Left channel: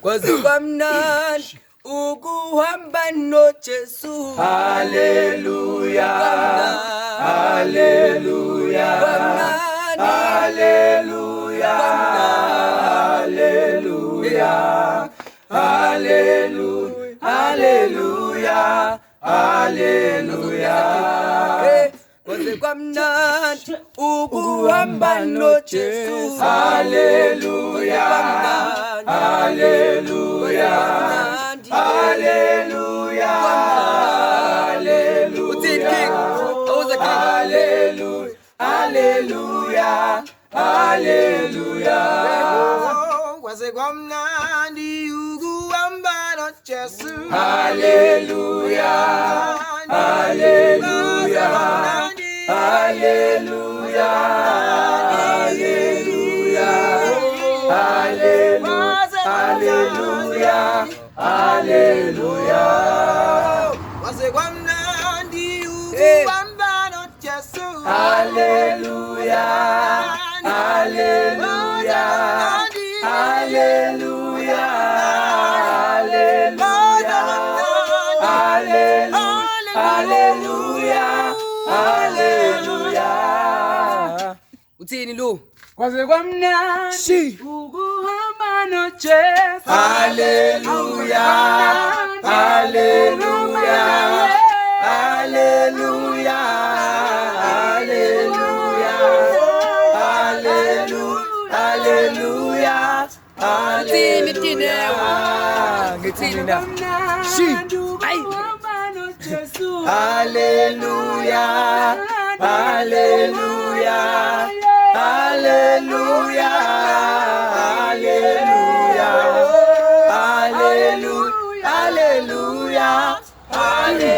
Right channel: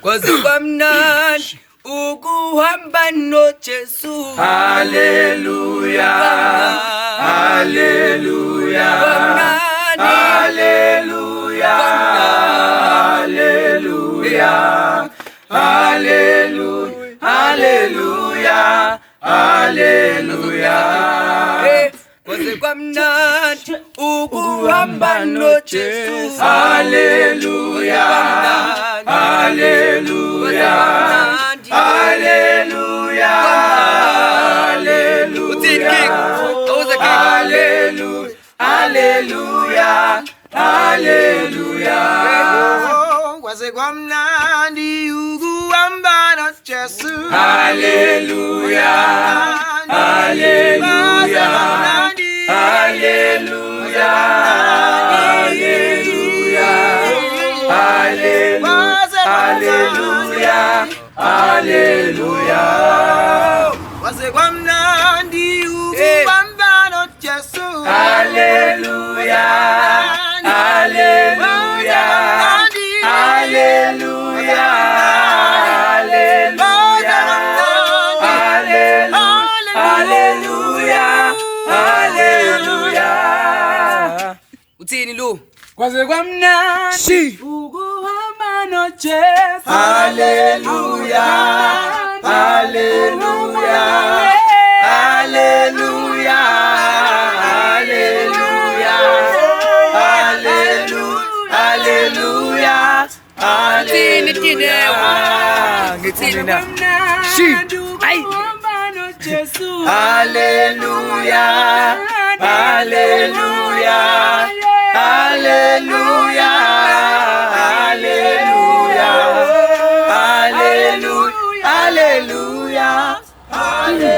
kwaze kwamnandi ukuhamba noJesu. Haleluya, haleluya, haleluya, haleluya, haleluya, haleluya, haleluya. Kwaze kwamnandi ukuhamba noJesu. Haleluya, haleluya, haleluya, haleluya, haleluya, haleluya. Kwaze kwamnandi ukuhamba noJesu. Haleluya, haleluya, haleluya, haleluya, haleluya, haleluya. Kwaze kwamnandi ukuhamba noJesu. Haleluya, haleluya, haleluya, haleluya, haleluya. Uthini lo? Kwaze kwamnandi ukuhamba noJesu. Haleluya, haleluya, haleluya, haleluya, haleluya, haleluya. Ngithi mina ay haleluya, haleluya, haleluya, haleluya, haleluya, haleluya, haleluya.